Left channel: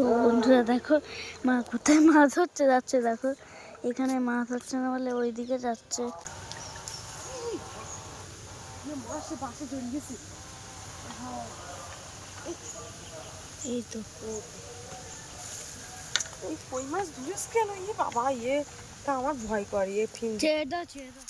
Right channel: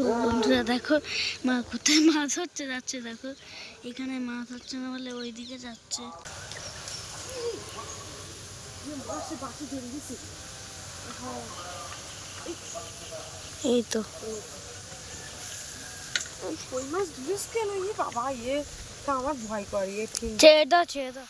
তো বন্ধুরা দেখো মা কোথায় মাছ হচ্ছে যাচ্ছে, দেখো এখানে মাছ হচ্ছে না বলে ওইদিকে যাচ্ছে। এই তো কই মাছ ধুইস কেন? বাবা তা আমার ভয় করে ঠিক ছেড়ে দাও ছেড়ে দাও।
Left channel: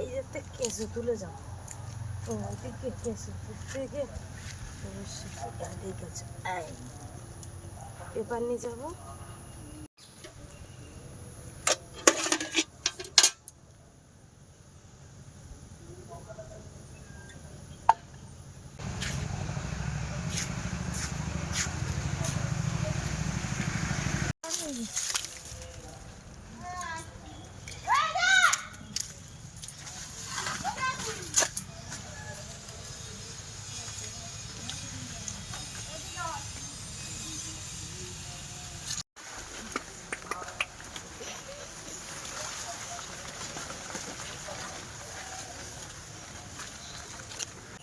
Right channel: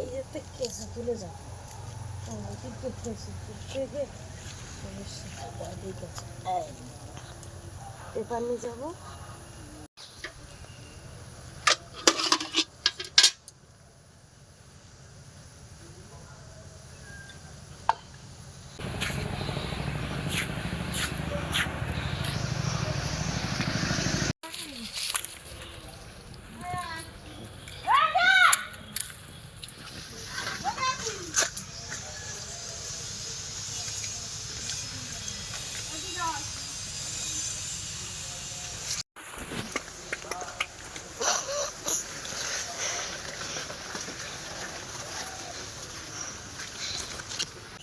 এই যে কেসে তুলে যাও। ওইদিকে কেসে থেকে সমস্যা ঠিক আছে, পেপার নিয়ে যাবো।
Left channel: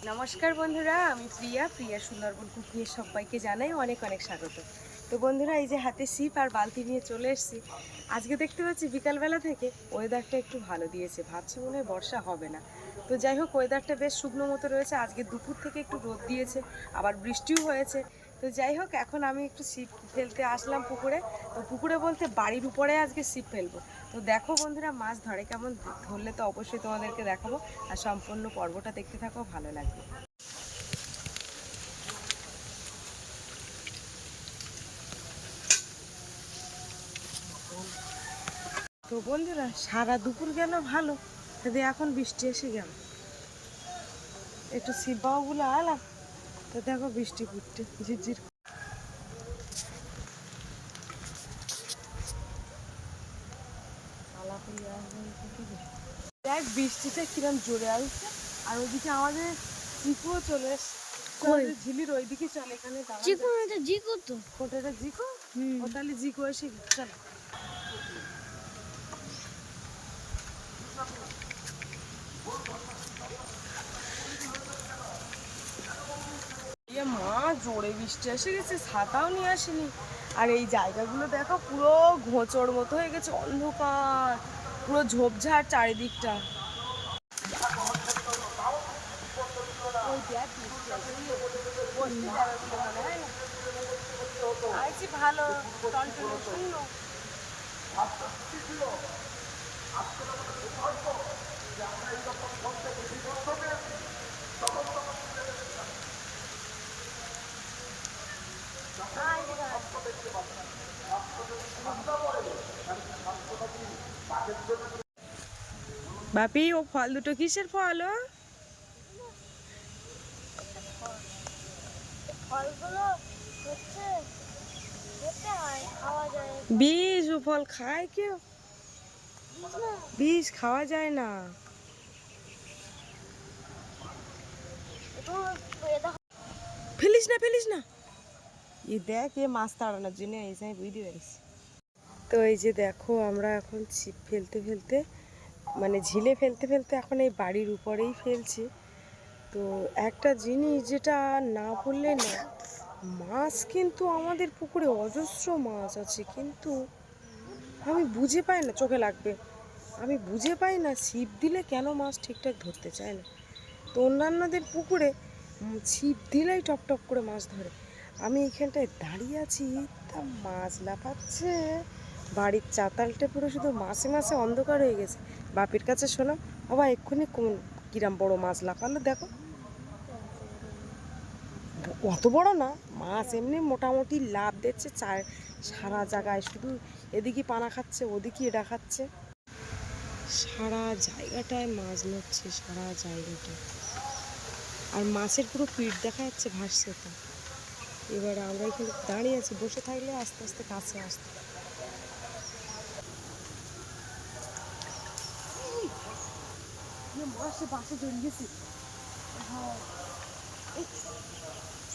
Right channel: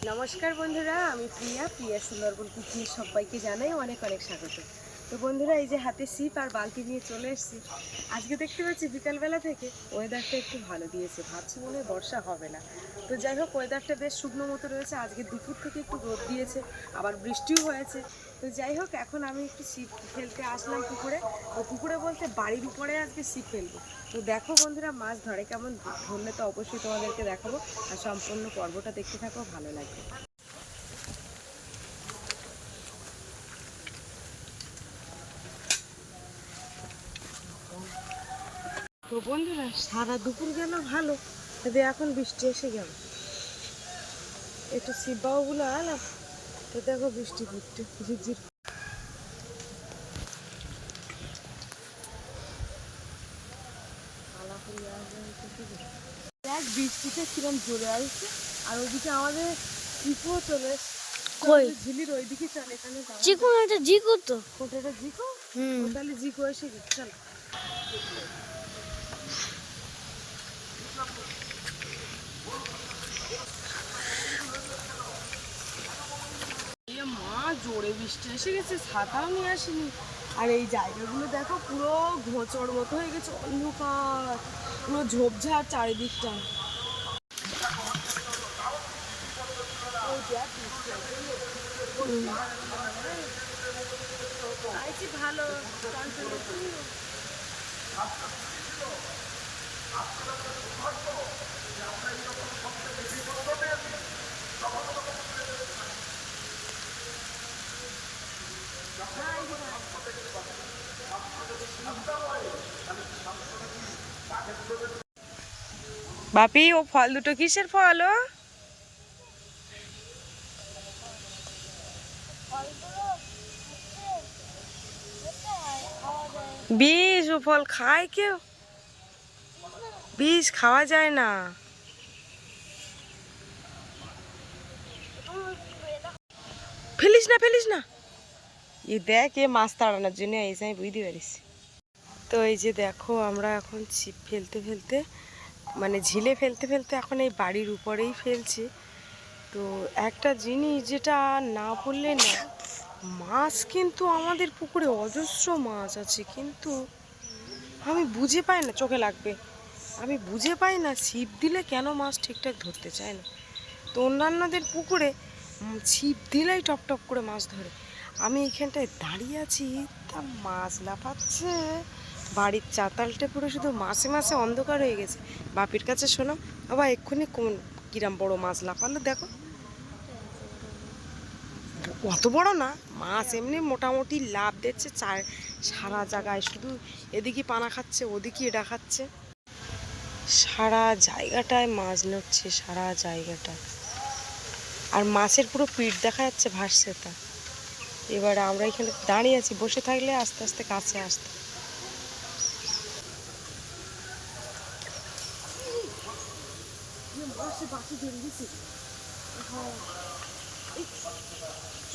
নমস্কার বন্ধুরা, আমি প্রিয়া সুন্দরবন কুকিং সবাইকে জানাই অনেক অনেক স্বাগত। তো বন্ধুরা, এই যে হাতে ছিপ আর বালতি নিয়ে চলে এসেছি। আজকে দেখতে পাচ্ছি বিকালবেলা থেকে ওয়েদারটা একটু ভালো দিয়েছে, ভাবছি মনে হয় বর্ষা হবে না। তো যাই হোক, ওয়েদারটা বেশ শুকনো মতো রয়েছে। আজকে দুপুর থেকে একটু রোদ দিয়েছে, আবার বৃষ্টিও হয়েছে। তো যাই হোক, এখন আমি একটু ছিপ ফেলতে আসলাম পুকুরে। তো পুকুরে বলতে বাড়ির উপরে আজকে ছিপ ফেলবো। তো দেখো বন্ধুরা, মাছ ধরে কেমন, ধরলে তো অবশ্যই তোমাদেরকে দেখাবো। আর সম্পূর্ণ পর্বটা দেখতে থাকো, ভালো লাগবে। তো বন্ধুরা, সারা দুপুর গেল ভালো, তবে এখন বৃষ্টি এসে গেল। একটু শিববাবুগুলো আলাম, তো দেখো বৃষ্টি পড়ছে ঝিরঝির। দেখ বৃষ্টিটা কিরম জোরে আসছে, আর ওইদিকে আমাদের চিকু চলে এসছে। ঝিলির ওইদিকে চলে, এখানে চিকু না, এটা জিকু তো। ওটা একটা জিকো, ও তাহলে জিকো এসে গেছে। চলো মা, জোরে বৃষ্টি এসে গেছে, ছাতাও নিয়ে আসেনি। আর এই জায়গাগুলো দেখো, পুরো ঘোঁচড় মতো হয়ে গেছে, অন্ধকার, পুরো ঝোপঝাড় চারিদিকটা। ভালো বাপি, ও ফল দুটো কিসের ফল? ও বিষ, ও ফল খায় কেউ? বিষ খাওয়া যায় না। ফেলিস না, ফেলিস না। দেখ, এ মাছ তাড়ানোর জন্য এসে আমি বুঝতে পারিস। তো এই যে দেখো, আমরা এখন ছিপ ফেলতে ফেলতে, মানে ঝিলে ফেলতে ফেলতে এখন এই বাড়ির উপরেই ফেলছি। তো একটা জিনিস যেটা না বললে না, মাছ কিন্তু আমাদের পুকুরে অজস্র মাছ আছে, কিন্তু আমি বুঝে পাই না, চোখে লাগবে, আমি বুঝে পাই না ছিপ দিলে কেন মাছ ঠিকঠাক ধরতে চায় না। তো অন্যান্যদের পুকুরে ছিপ দিলেই টপ টপ করে মাছ ধরে, আমি এইখানটায় দাঁড়িয়ে আছি, তা মাছ লাফাচ্ছে। বাড়ির চাতালটা পুরো শুধু মাছে মাছে অন্ধকার হয়ে গেছে। বাপির কাছে শোনো, বাবা এক্ষুনি কোন কিরাম বড় মাছ লাফালো দেখো। অত বড় না মাছ, এমনি মোটামুটি লাভ দিচ্ছে সারা জায়গায়, শুধু এদিকে পানা খাচ্ছে, ওদিকে এটা খাচ্ছে, সারা জায়গাটায় মাছ নড়ছে, সারা জায়গাটায়। আর মাছের পুরো পিঠ দেখা যাচ্ছে ভাসছে তা। এবারে আমরা এখানে দাঁড়িয়ে আছি, বসে থাকলে আস্তে আস্তে কাছে আসতে।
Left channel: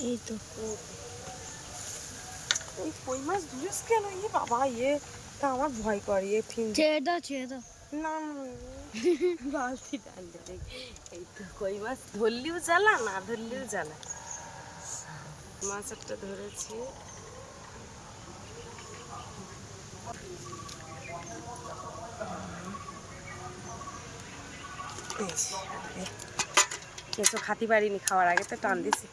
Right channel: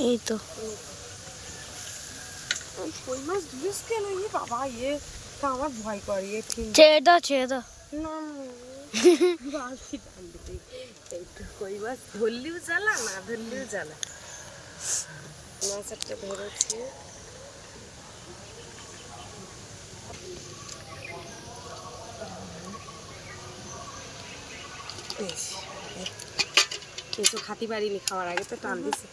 এই তো এই কই মাছ ধুলিস কেন? ইয়ে বাবা, ইয়ে তা আমার ভয় করে, ইয়ে ঠিক ছেড়ে দাও ছেড়ে দাও। না। বালতি টানতে দেখ, এই তো কই মাছ ধরলেও জ্বালা, না ধরলেও জ্বালা। মাছ একটা ধরেছি। কিছু খাতে পারিনি, খাওয়ার আগে তো টান দিছি।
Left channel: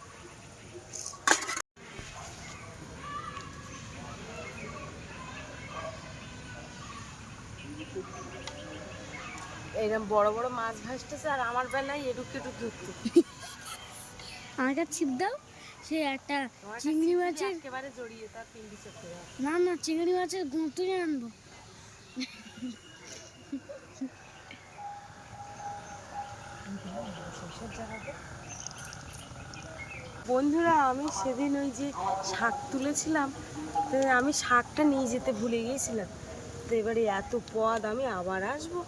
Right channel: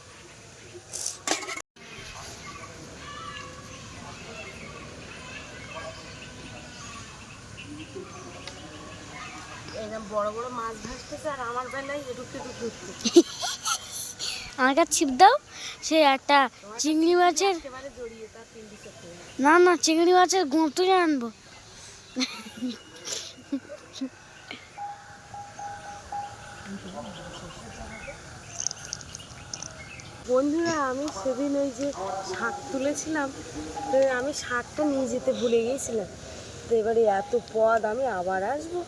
এইরকম বড় বড় মাছ ভাসতেছে আর আমার বেলায় এডুক এডুক ঘুরতে। আমার কাছে ছিপ দাও। সে একটা চিংড়ি মাছের, একেবারে জড়িয়ে তার পিন্ডি চটকে যায়। না না চিংড়ি মাছের গুঁতুলে আনবো। বন্ধুরা, আমি সেদিন ওই যে শাক তুলেছিলাম, তো আমি শাকটা নিয়ে যেতে ভুলে গিয়েছিলাম। তো এবারে এত পদ আমি আবার আসবো,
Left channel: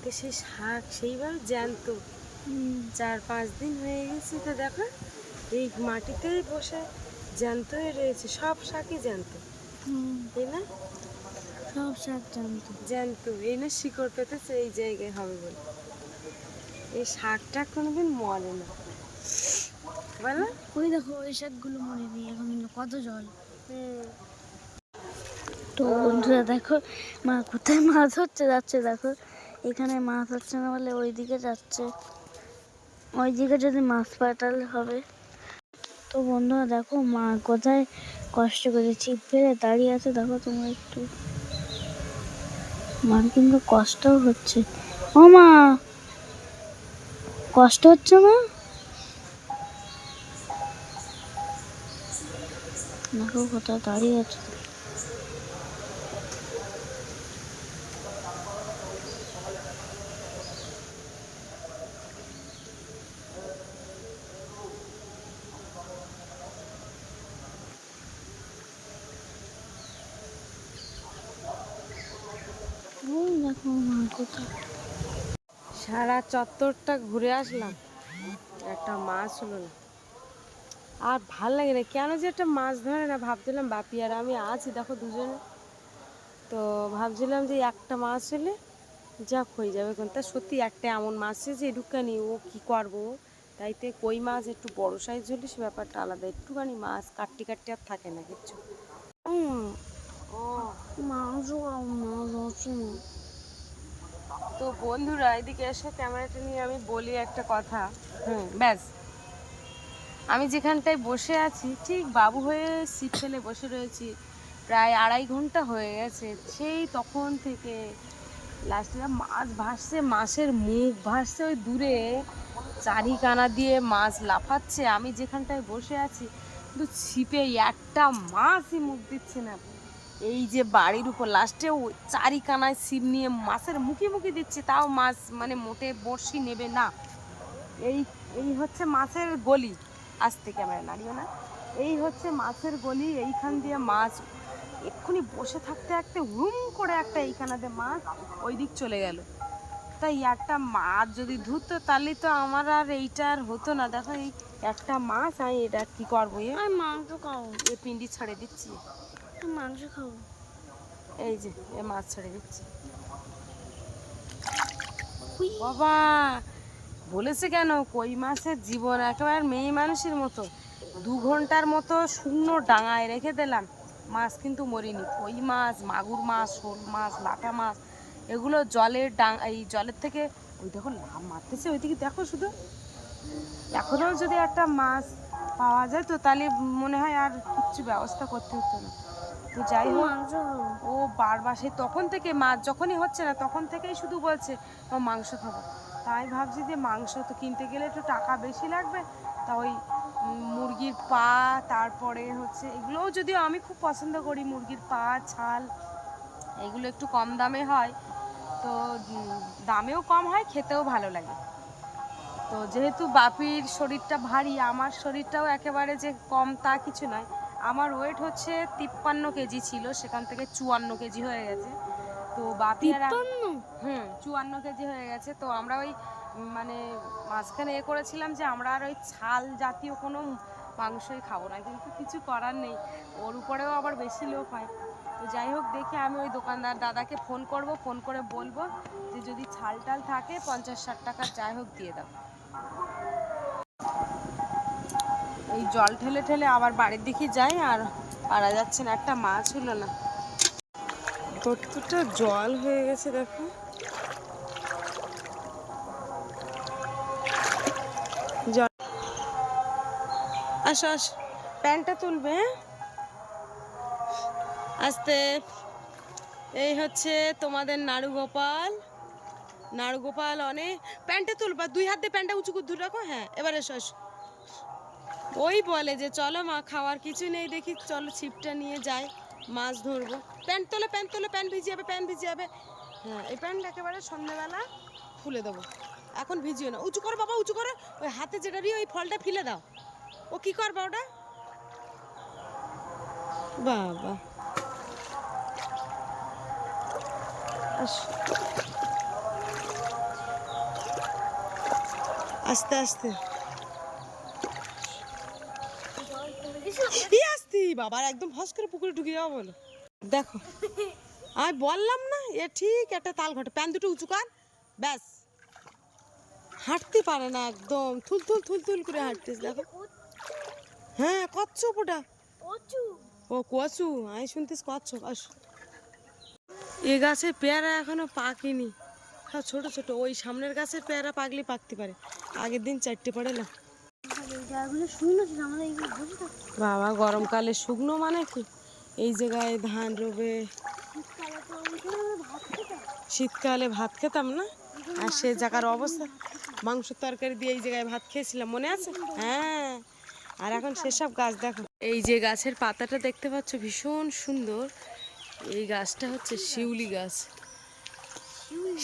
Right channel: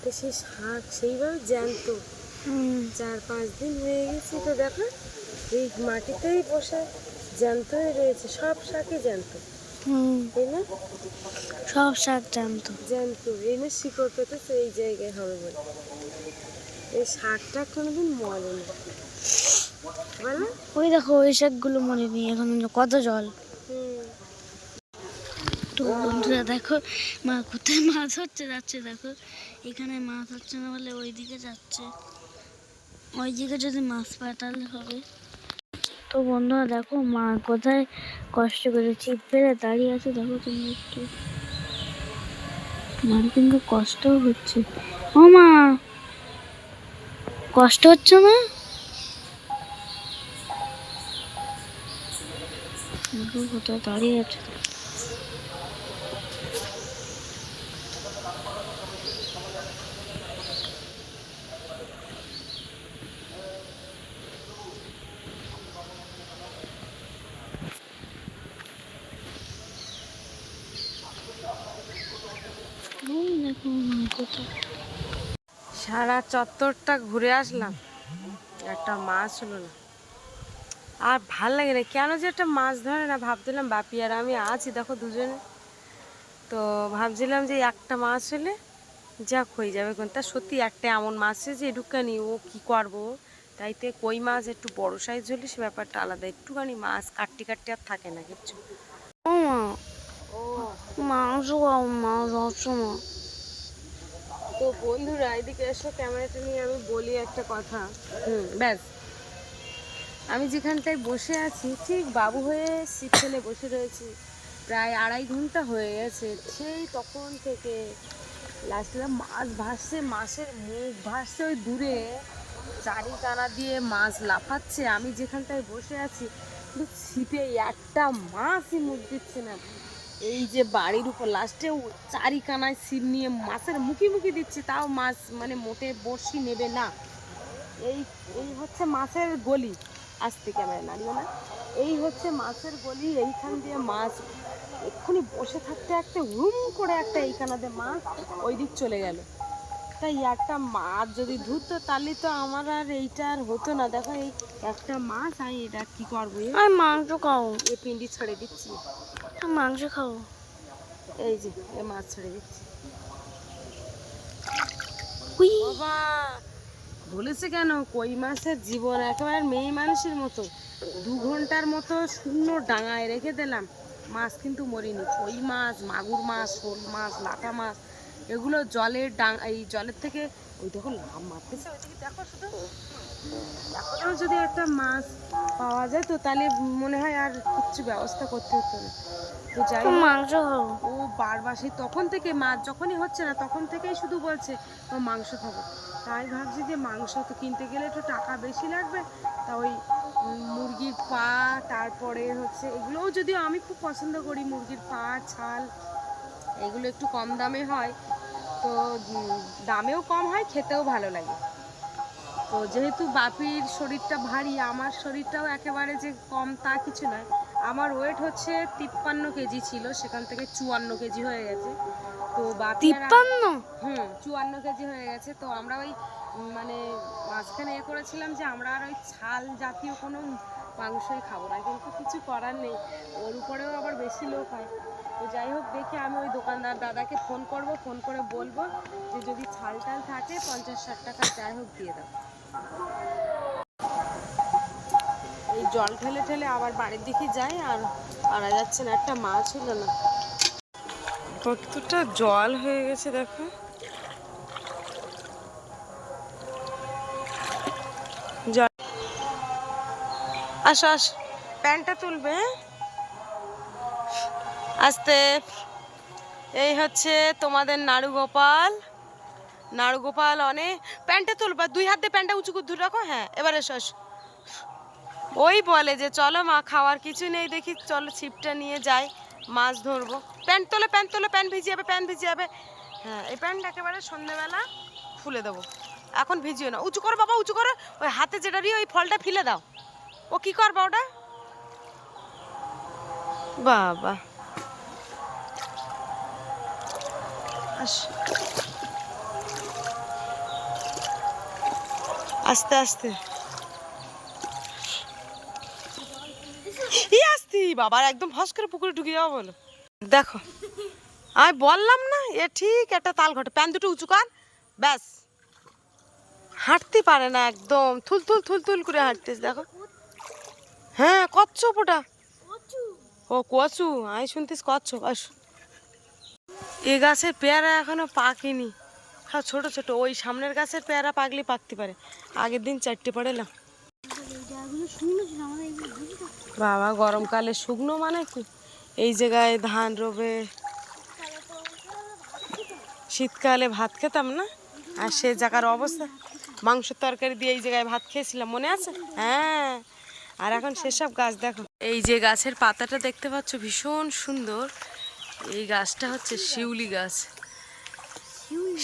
তো সেই শাক সেইভাবে জ্যান্ত 4-5 দিন হয়ে গেছে। তো দেখো এই মাটিতেই বসে জ্যান্ত হয়ে রয়েছে, সব শাকই জ্যান্ত, তাই না? সব শাক জানতো। জ্যান্ত এনে শিকড় পেতেছে এই জায়গায় হবে বলে। এই শাকটা কোনোদিন মরে না, বলো? ওই দেখো ওই শাকগুলো মনে নেই, এখন কত জল। তো বন্ধুরা দেখো মা কোথায় মাছ হচ্ছে যাচ্ছে, দেখো এখানে মাছ হচ্ছে না বলে ওই দিকে যাচ্ছে। ওই দিকে যদি মাছ পায় তাহলে হবে। তো বন্ধুরা দেখো মা কোথায় কষ্ট করে ছিপ ফেলে দাঁড়িয়ে আছে, দেখো তোমরা একটু। মার কিন্তু কষ্টও হচ্ছে। ও মা, কষ্ট হচ্ছে না? দেখো কোথায় দাঁড়িয়ে আছে। ওই দেখো মা কোথায়। সারা চত্বরটা ঘুরে আসলাম, একটা মাছ হলো না। আর ভাল লাগে না, কেন যে একটা মাছ ধরে না। ভাবছিলাম বাপি আর আমি আছি, দেখো দুজনে, তো ভাবছিলাম যে একটা মাছ হলে যাক হয়ে যাবে। কোন তা সত্যি একটা এমন মাছ যে একটুখানি ও কি করবো, তাইতে কই মাছ একটু বড় সাইজ হলে সে ব্যাপারটা আলাদা। একটুখানি মাছ কাটতে কাটতে আর থাকে না কিচ্ছু। ও মা, ও মাংস খাও, মাছ হচ্ছে না। তো বন্ধুরা এদিকে এসো, ক্যামেরাটা নিয়ে আমি বলি একটা কথা। ব্যাস, আমি যেখানটায় বসে আছি ঠিক বাবু হয়ে ছিপ ফেলে বসে রয়েছি, প্রায় 2.5 ঘন্টা হয়ে গেছে। সেই তখন থেকে লাস্টে মাছ ভাসছে, মাছের মুখ ভাসছে ওই দূরে, চারিকানা দিয়ে মাছ লাফাচ্ছে। আমি যেখানটায় বসে আছি কিন্তু ছিপে একটা মাছই মুখ দিচ্ছে না। এই যে বাড়ির উপর লাস্টে চারিকানায় ছিপ নিয়ে মাছের মুখি মুখি দিচ্ছে, তাও মাছ মানে মোটে বড়শি নেবে না। এই এই হচ্ছে মাছের গলি, আসতে ক্যামেরা নাড়িও না। এই হচ্ছে মাছের গলি, এইখান দিয়ে মাছ এক্ষুনি বসে থাকতে থাকতে হুম করে একটা এইখানাতে মাছ ওই দিক চলে গেল। তাই একটা মাছ যদি ধরতো তাহলে তো আমার আর এইটা আর হতো না। দেখো এই একটা মাছ, আমি এটা কি করবো, আর মাংস খাও, এ পিন্ডি ছেড়ে দিচ্ছি, মাংস খাও। এই যে এ মাছ ছেড়ে দিচ্ছি। উই, বাবা বলেছে কেন, কই মাছের জীবন একেবারে মেয়ে মানুষের মতো। 2 ঘন্টার মতো শূন্য ডাঙায় রেখে দিলাম, মাছ কিন্তু মরিনি। কই মাছ, মাগুর মাছ, শোল মাছ, লাটা মাছ, এগুলো জলের এই জলের থেকে ওই দেখো লাভ মারতেছে ওইদিকে, দেখো শুধু। এখনও যদি একটা মাছ পাওয়া যায় তো তাহলে মনে হয় আর কিচ্ছু ব্যবস্থা করতে হতো না। তো যাই হোক, মাংস খাও। ও বারবার সেই তখন থেকে মাছ যখনই হচ্ছে না তখন থেকেই শুধু বলছে ও মাংস খাবো। তাই ভাবছি যে মাংস তো কিনতে গেলে একটু টাকা বেশি লাগবে, তা ওই মুরগির পা, তারপরে হচ্ছে এগুলোও যদিও আমি খুব পছন্দ করি, মুরগির পা, ছাল, এগুলো একটু কম দামে হয়, তো দামেও কম হয়, খেতেও ভালো লাগে। তো যেহেতু বাপির শরীরটা ভারী, আমার শরীরটাও একেবারে যে কম তা কিছু নয়। আমার ওয়েট হচ্ছে 53 কেজি ছিল, সেখান থেকে 54 কেজি হয়ে গেছে। তো বাপি আর 53? 54 কেজি হয়ে গেছে। তো আমরা ওই মানে মাঝখানে করেছিলাম যে আমরা আর ওই ছাল জাতীয় কোনো মাংসই খাবো না, কিন্তু কিছু করার নেই, ওর উপরেও আবার বেশি লোক হয়। তো যাই হোক, দেখি আমি ওই দোকানদার দাদাকে ফোন করব, ফোন করে বলবো যে যদি ছাল টাল থাকে 50-60 টাকা যাই হোক দিয়ে দাও। এই জল ঠেলে ঠেলে আবার বাড়ির দিকে যাই, আর পারা যাচ্ছে না, একটা মাছ হলো না। কতটা জল হয়ে গেছে দেখো। জল, আসো আসো, প্যান্টটা তুলবে, হ্যাঁ আস্তে। এই হচ্ছে তোমাদের নাড়ুগোপাল। নাড়ুগোপাল অনেক, প্যান্টটা তুলবা, 2 হাত দিয়ে প্যান্টটা উঁচু করে ধরে রাখো। হ্যাঁ এবার এসো এসো। ওই বলে যে চলো মা, খাওয়ার কিছু নেই দেখি, চলো ছিপটা নিয়ে যাই, মাছ ধরবো। প্যান্ট তোলে, প্যান্ট তোলে, প্যান্ট ভিজে যাবে, প্যান্ট ভিজে যাবে। হ্যাঁ, এই প্যান্ট একেবারে সন্ধ্যেবেলা খুলে দেবো, এখন ভিজিও না। উঁচু করো বাবা, উঁচু করো। ওই হাতে যেটা দিয়ে ওই ফলটা ফেলে দাও। ও কি করবা ওটা? বাবা আস্তে আস্তে আসতি বাবার, একদম ফস করে পুকুরে ঢুকে যাওয়া বলো। দেখো আমি বললাম না, এ ঠিক একটা তাল ঘটে। প্যান দুটো উঁচু কর, ব্যাস। হাঁটতে পারে না, একদম থুল থুল থুল থুল করে হাঁটতেছে দেখো। হ্যাঁ কচ্ছপ ওটা। ও কচু, আমি শুনতিস কচ্ছপ। আস, এ গাছের পেয়ারা এখনো পাকেনি, হ্যাঁ ছোট ছোট। ওই সামনের গাছের পেয়ারা পাকলে পাকতে পারে। আগের দিন 4টে পড়েলাম। বাবা গরমকালে শুকনো মানে কি, এই জায়গায় ধান রোবে, শীতকালে ভাত খেতাম না, আর সে জায়গার অবস্থা, মাংসের তরকারি দিয়ে এই জায়গায় ভাত খেয়েছিলাম, মনে আছে? হ্যাঁ, আর এখন সেসব গাছ দেখো। এই যে গাছের পাতাটা দেখতে পাচ্ছ ভীষণ সুন্দর, এই গাছটা হচ্ছে শিউলি গাছ।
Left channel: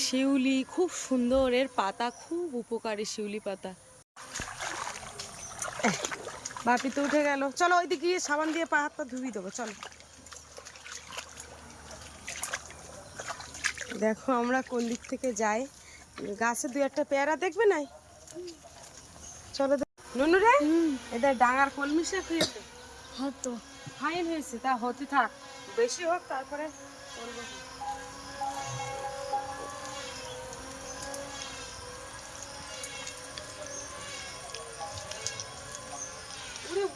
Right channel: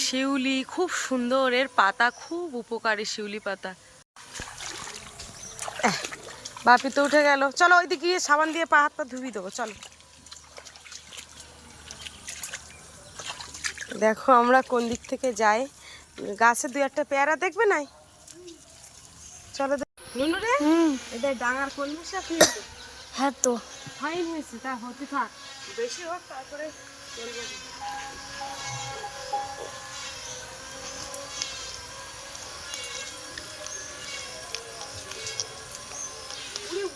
শিউলি খুব সুন্দর, এর পাতা খুব উপকারী, শিউলি পাতা। বাপি তো উঠে গেল, চলো ওইদিকে গিয়ে সাবান দিয়ে পা হাত পা ধুবি দেবো, চলো। দেখো আমরা কোন দিক থেকে যাই, গাছে 2-1টা পেয়ারা দেখবে নাই, চলো। নুনু রে, এটা ডাঙার কলমি শাক নিয়েছে। হ্যাঁ তো ফাইন হয়েছে, তা হতে থাক, বেশি হোক তারপরে।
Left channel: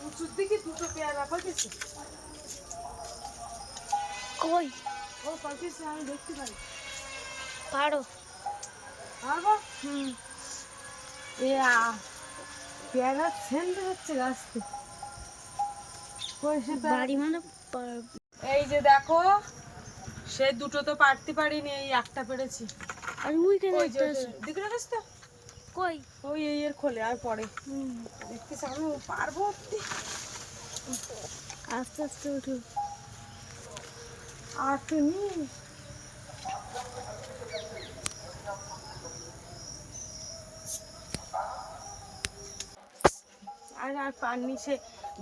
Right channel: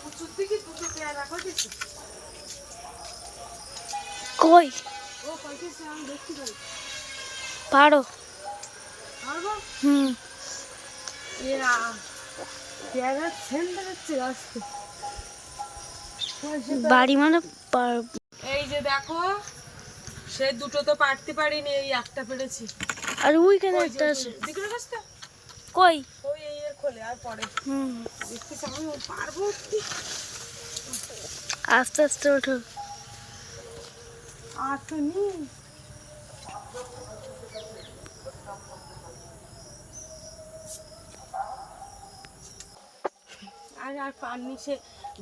প্রচুর দিকে 2টো পেয়ারা পাইতেছি। কই ও পাইতেছে, আমি দেখতে পাই। পারো? পারবো? হুম, পেয়ারা ছেলতে যাচ্ছে গাছতে। বাড়ি মানে এই যে দেখো, সে 2টো তো পারতে পারিনি, এই একটা পেরেছি। আর ওইখানে একটা আছে। দেখলে গাছটা কই? ওই এর খোলে আর পরে হুম, দেখতে আমি পারবো। আস্তে আস্তে ওঠো। আর তো নেই, আর পাননি, সে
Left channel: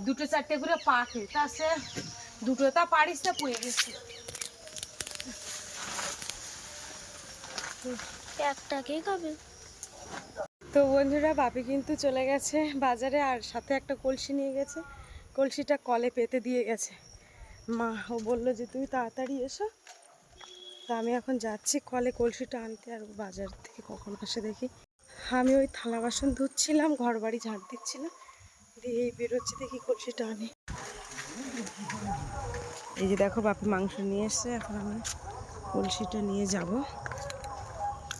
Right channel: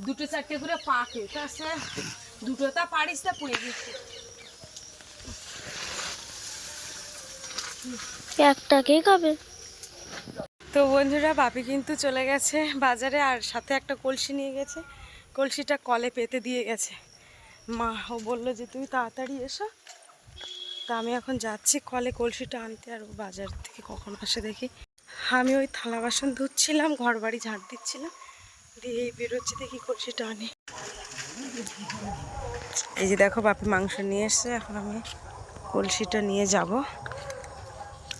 2-4টে করে পাকে, তা সে 2টো তা পারিস, তা পড়ে গেছে। একটা কে খাবে? তো বন্ধুরা, বাপি কিন্তু চলে গেছে বাজারে, আর সাথে একটা কলসি নিয়ে গেছে। কলসিটা কলে পেতে দিয়ে গেছে। মা ও বললো যে তুই তাড়াতাড়ি এসো, তা আমি এখন যাচ্ছি কলে কলসিটা আনতে, আর ও বাজার থেকে কখন আসে দেখি। আমি ওই থালা বাসন ধুচ্ছিলাম, ঘর বাড়ি ঝাঁট দিচ্ছিলাম, দিয়ে বেরোচ্ছি, দেখি কলসিটা আনি। এই যে দেখো বাপি মাংস নিয়ে এসছে, এখন আমি কলসিটা নিয়ে যাব।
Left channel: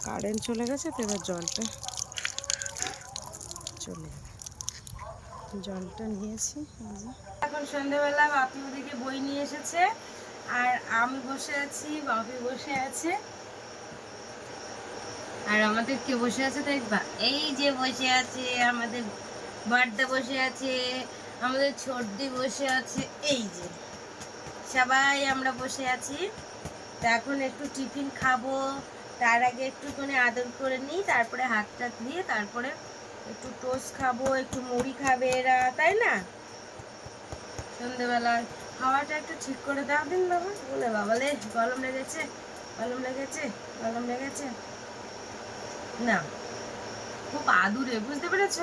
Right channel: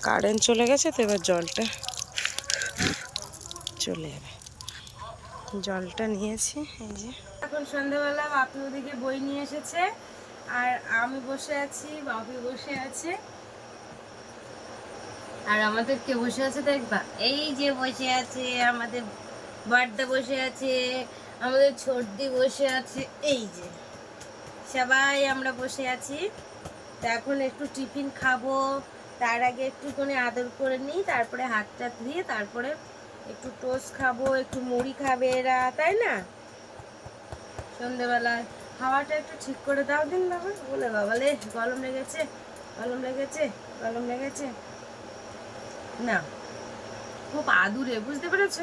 কারেন্ট চলে গেছে তো, এবার জলটা চলে যাবে। জলটা নিয়েছি। এই যে এখন সন্ধ্যাবেলা বাপি ওদিকে বই নিয়ে এসেছে, আর আমি বসে আছি, বাপি বসে আছে, আর আমাদের কে বসে আছে দেখবা, এই যে বসে আছে আমাদের বার্দা, বসে আছে আমাদের ছোটদি, বসে আছে, এই যে সবাই আমরা বসে আছি। তা এখন একটু টিফিন খাবো, তার আগে একটুখানি আদর করে নিই, তারপরে হাত টাত দিয়ে তারপরে একটু টোস্ট খাবো, একটু মুড়ি খাবে এরা, তাই না? সন্ধ্যেবেলার খাওয়াটা একটু ঠিক করে দাও দিন বাবা। বলে বাবা লে, গরম লেগেছে, গরম লেগেছে, গরম লেগেছে না। খুব আদুরে, বুঝতে পেরেছ?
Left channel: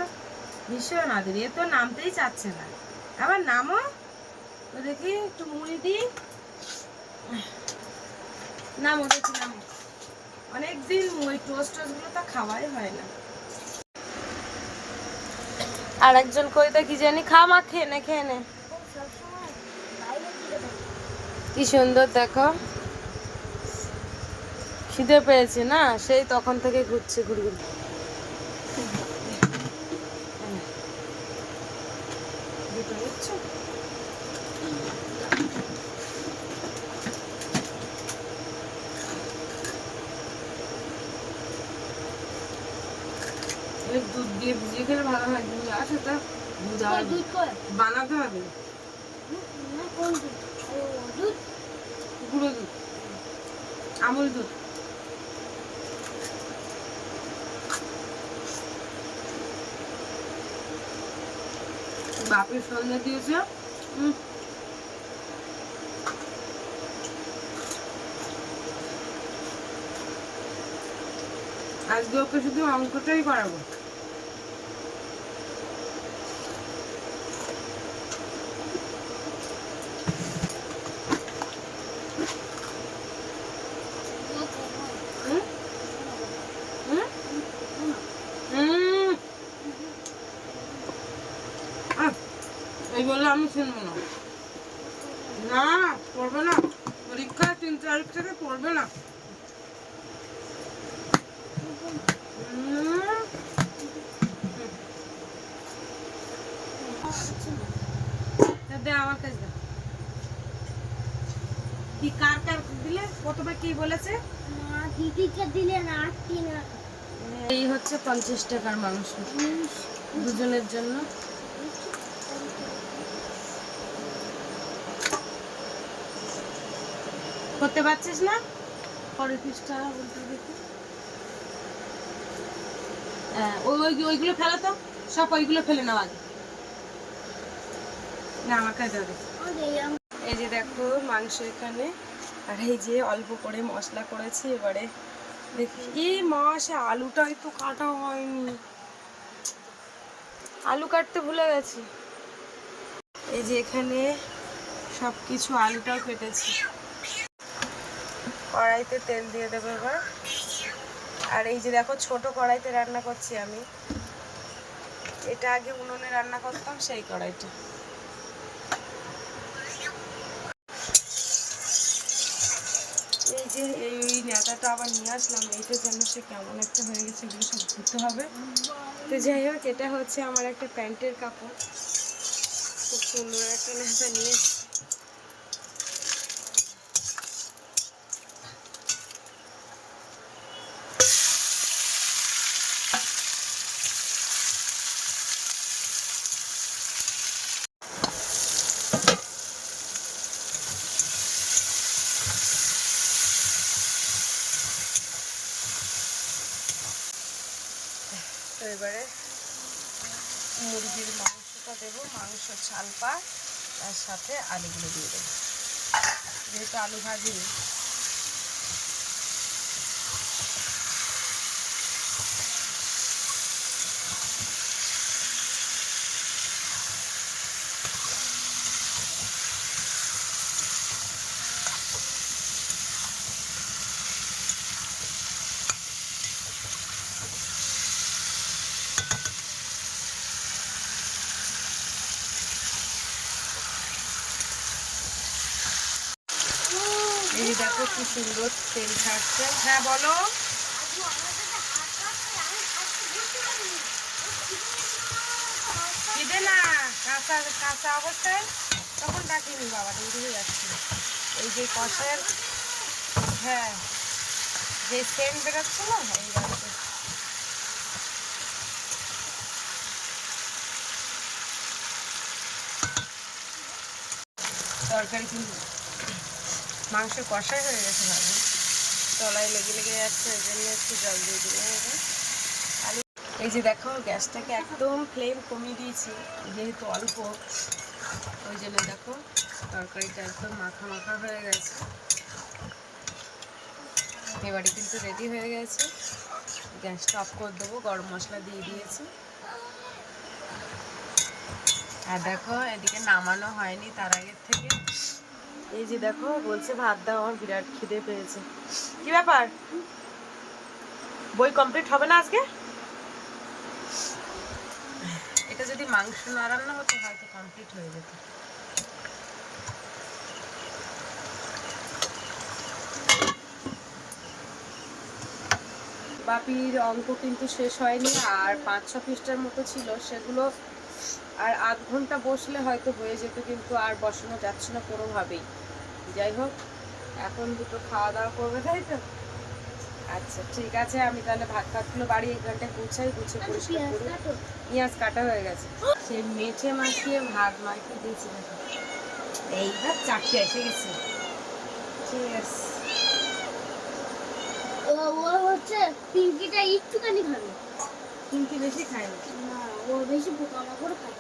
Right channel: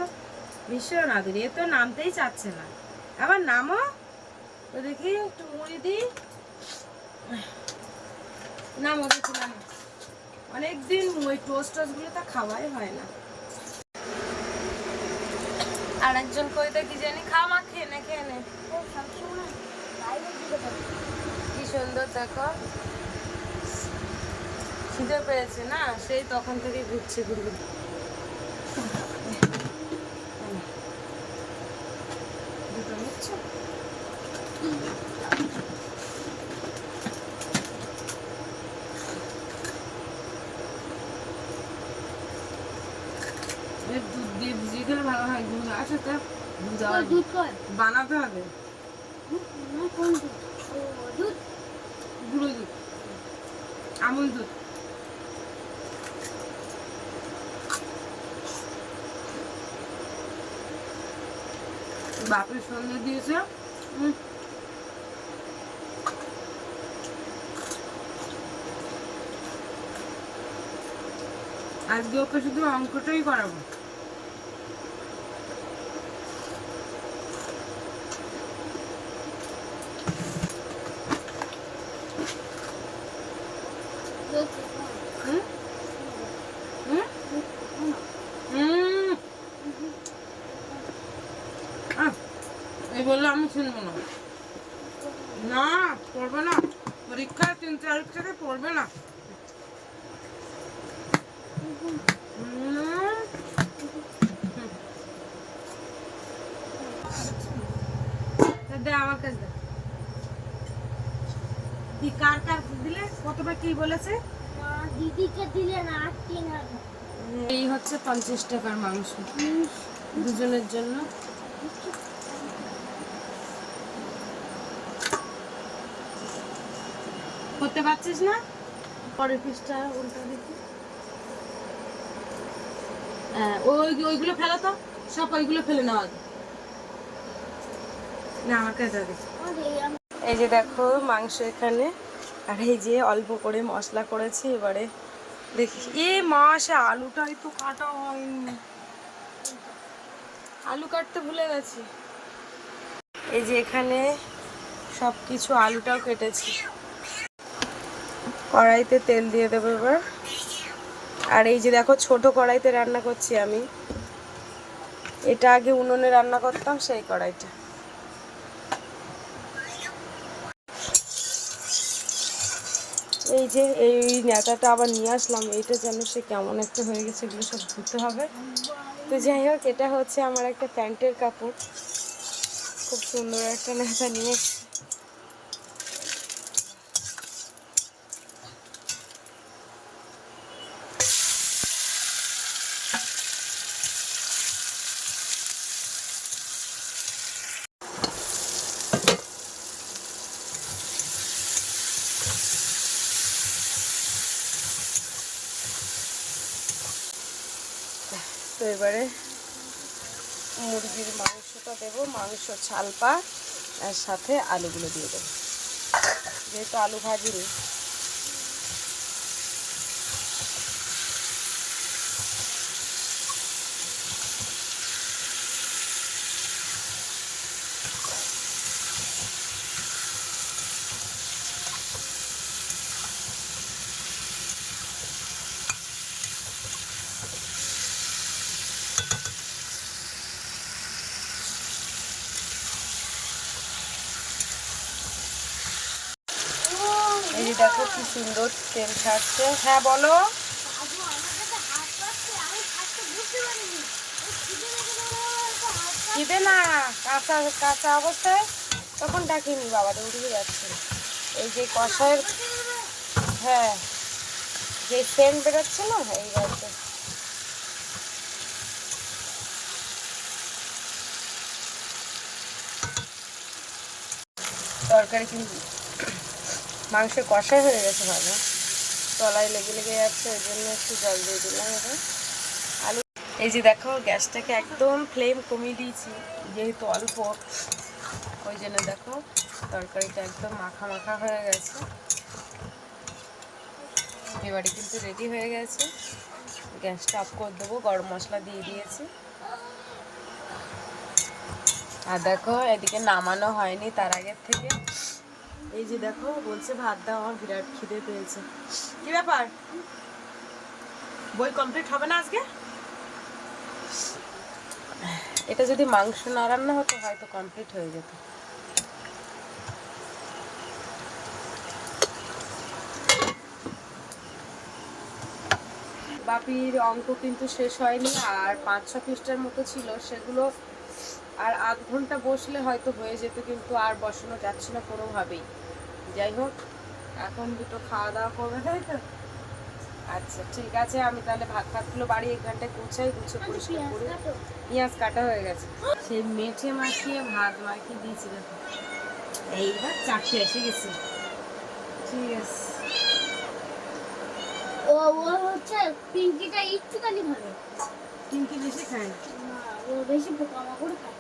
ভীষণ আদুরে, এ তো নামতেই চাচ্ছে না। আবার নামো, তো দেখি একটু মুড়ি দিই। নামো দেখি, নামো। অনেকদিন ওই টোস্ট টোস্টগুলো তো খাওয়াই হয় না। আর একজন কইতা কি জানি, খা মা, খেয়ে নে, খেয়ে নে। কি সুন্দর দেখো, খিদে পেয়েছে না, সেই তখন থেকে ঘুরছে ঘুরঘুর। দুটো নিচ্ছ? দুধ দিয়ে ভিজিয়ে খেলে ভালো হয়। দুধ আছে তা দুধ বানাতে হবে। কোন দুধ? ও দুধ, গুঁড়ো দুধ, আমুল দুধ। বাপের সন্ধ্যা দিয়েছে। আজকে ওকে শুধু অঙ্কটাই করাবো। হুম? হুম? হুম। এই বললে আমি শুনবো না। না, পড়বে না। পরীক্ষা 3 তারিখ থেকে পড়বে না। দে আমার কাছে দে। কি কার কার দিলে? কতবার কি বলেছে? দিদিকে দিলে না, আটটি না। এই হচ্ছে 50 টাকার মাংস দুজনের জন্য। করতে পারছিস না? পরের পিসটা উল্টো দেখি। হ্যাঁ, ওইগুলো ফেলো তো, সব ওইগুলো ফেলে নাও আগে। না, আমার কাছে দে। এই যে দেখো মাংস এখানে, আর এই যে অল্প করে মশলা করেছি। এবারে দেখি, এ মাসে আলুটা একটু কাটা হয়নি, আলু কাটতে ভুলে গেছি। এই যে এখানে সব কিছু, আলুটাও কেটেছি। কড়াইতে তেল দিয়ে দেবো এবার। আর এই যে দেখো ছোট কড়াইতে রান্না করছি আমি। এটা আগে উনুনে রান্না করতাম, সেই কড়াইটা। এই যে এই নেতাটা আবার নিয়ে আসলাম, এইটা যেন সে কেমন একটা হয়ে গেছে, এগুলো সব ধুতে হবে। তো যাই হোক, এটা হচ্ছে আমার একটা প্যান্টের কাপড়, খুব সুন্দর একটা নেতা নিয়ে এসেছি। তো এবারে মুরগির মাংসটা দেবো, মাংস ছালপা, আর সাথে আলুগুলো দিয়ে দেবো, যেহেতু আলু ভাজিনি। এই যে দেখো কি সুন্দর তেল ছাড়ছে। হ্যাঁ বলো। খিদে না, কাঁচা কাঁচা অবস্থায় তখন ডাকিনি, বাবা দিকে যাচ্ছে। এই যে কষার, হ্যাঁ, যে সেন্ট বেরোচ্ছে না, এই বাড়িতে। তরকারি কিন্তু মাংস কষা হয়ে গেছে ভালো, তলায় লেগে লেগে যাচ্ছে, ওই জন্য একটু জল দিয়ে দিলাম এখন। আলু, এই যে দেখো গ্যাসটাকে একদম ফ্লেম কমিয়ে দিয়েছি, যেহেতু অল্প, ওই জন্য দেখো তরকারিটা একদম মাখা মাখা হয়ে গেছে। এবারে কিন্তু রেডি হয়ে গেছে, গ্যাসটা অফ করে দেবো। গরম মশলা দিয়ে দিয়েছি। আর দেখো এদিকে নামানো হয়নি তার আগের থেকে। এই যে দেখো বলছে ভাত দাও, আমার বিরাট খিদে পেয়েছে। কি ব্যাপার, বই কমপ্লিট হবে না আজকে? এটা যদি মাংস না রান্না হতো হয়তো কমপ্লিট হয়ে যেত। বাপির অঙ্ক কিন্তু শেষ হয়নি, আর 5-6 পৃষ্ঠার মতো ছিল, সেগুলো আর আধ ঘন্টা বসলে হয়তো হয়ে যেত, কিন্তু আর বসানো যাচ্ছে না কোনোভাবেই। যাই হোক, এখন দুটো খাওয়া দাওয়া করবে, তাই তো? আচ্ছা ঠিক আছে, আমি তাহলে ভাত ফাতগুলো বাড়ি এখানটায় গুছাই, গুছিয়ে পরিষ্কার করি। পেঁয়াজ কাটা হয়ে গেছে, সেই মেঠে মাখিয়ে ভাত মাখিয়ে দিয়েছি দেখো। এইবার 4টে এসে গেছে। ঠিক আছে। ও ও হচ্ছে পিঙ্কিটা একটুখানি খাবে, পিঙ্কি বেশি খায় না ও বেশি পোকামাকড় খায়।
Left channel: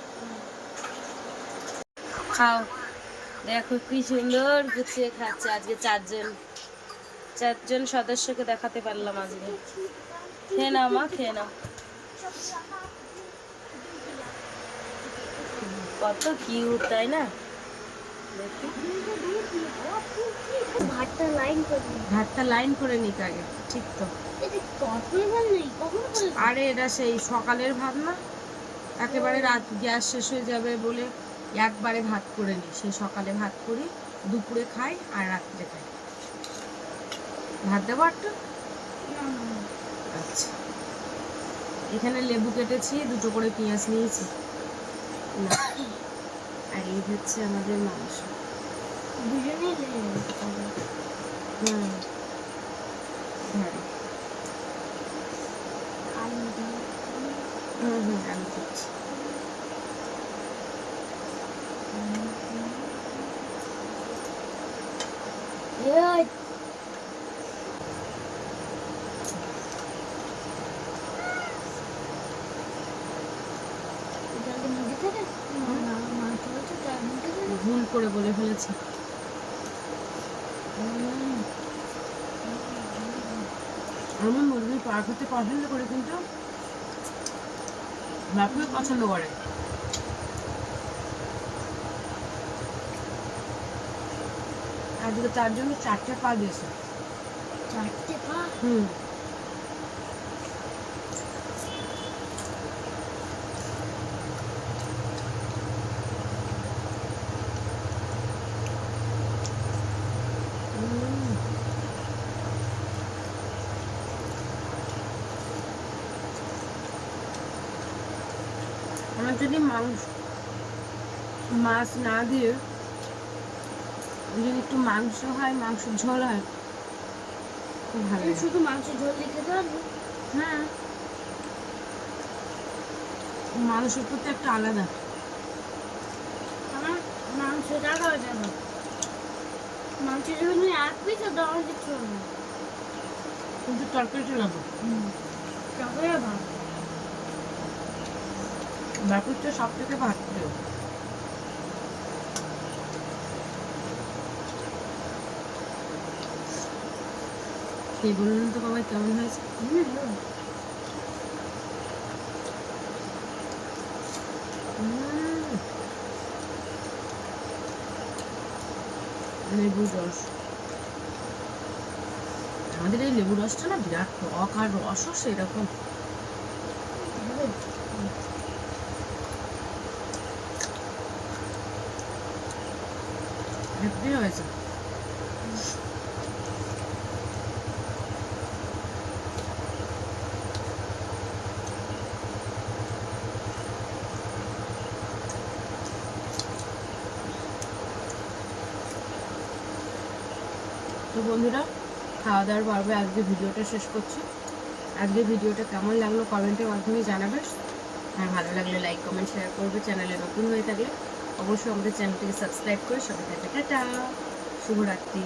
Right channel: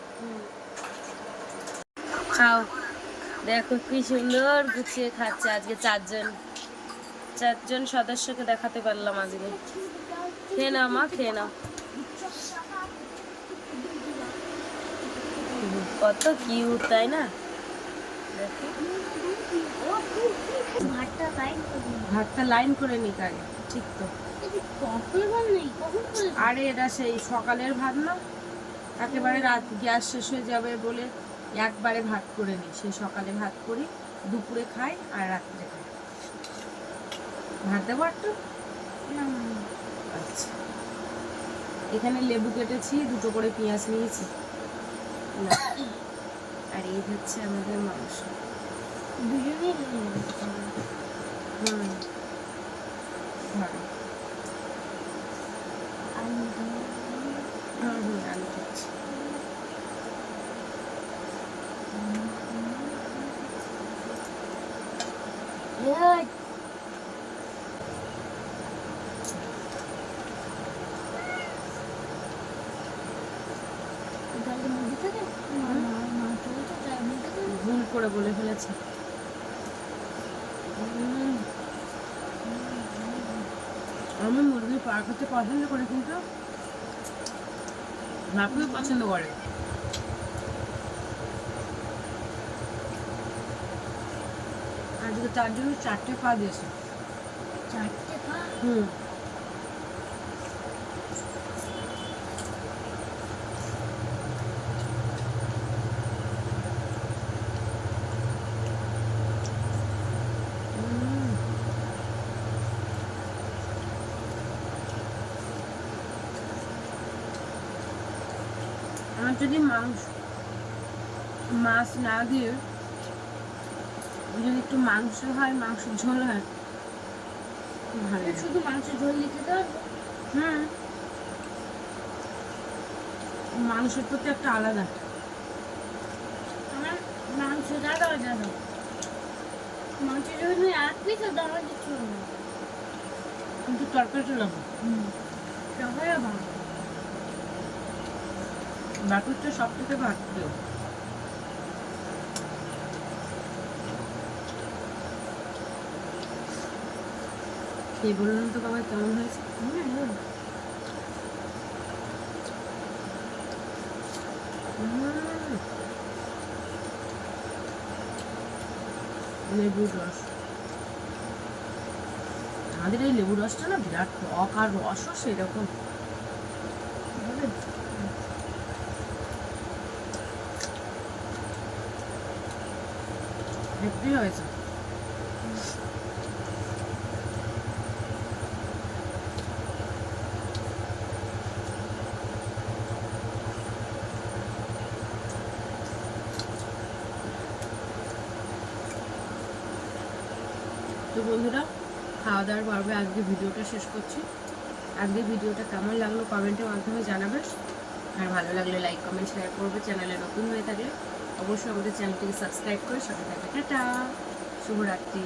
খাও, দেখো কি সুন্দর গুছিয়ে খাচ্ছে। আজকে চারজন সদস্যকে দেখাতে পারলাম আজকে। খেয়ে নাও মা, খেয়ে নাও। কত কিউট তাই না? দেখো ভাতটা লাইন করে নিক আগে, ঠিক তো? আরে এটা সেই সকালের ভাত না, একেবারে রাত গ্যাস শেষ হয়ে যাবে বলে একবারে ভাত করে নিই। সেই সকালে ভাত করি, দুপুরে খাই আর রাত্রে খাই। ভাত দেবো একটু? আচ্ছা, এখানে লেবু কেটেছি, 2টো করে পেঁয়াজ নিয়েছি। না, আর এই হচ্ছে আমাদের মাংস। হুম, ধরো। আলু করছি। ভুল করে বলে ফেলেছি। আমি মুরগির পা খেতে পছন্দ করি, কিন্তু বাপিও পছন্দ করে। আজকে তার জন্য 4টে পা দিয়েছে। 4টে পা? হুম। আমার যদি মাছ না দিয়ে যদি একটু মাংস হয়, মাংসের ঝোল হয়, খুব ভালো লাগে। শুধু মাংস ঝোল দিতে পারবো? হ্যাঁ, মাংসের প্রতি একটা আলাদা। আমার মাংস দাদা যাবে, মাংসের জন্য 1 পিস দেওয়া কিছু হবে, কিন্তু তরকারিটা লাগবে। তরকারি ভালো। বাপুর তো সব থেকে ভাত প্রিয়। কে বললেন তো বাবা কেমন হয়েছে? লেবুর রস, আমাদের এই লেবুর রসটা না বিরাট টক, আর রসও সেরকম। হেব্বি হয়েছে। তো বন্ধুরা, খাওয়া দাওয়ার পর্বে আজকে ভিডিওটা শেষ করছি। আজকে ভিডিওটা কেমন লাগলো কমেন্টের মাধ্যমে জানাবে, আর ভালো লাগলে লাইক কমেন্ট শেয়ার করবে। চ্যানেলে নতুন হয়ে থাকলে অবশ্যই আমাদের চ্যানেলটিকে সাবস্ক্রাইব করে সাথে থাকবে। টাটা, শুভরাত্রি।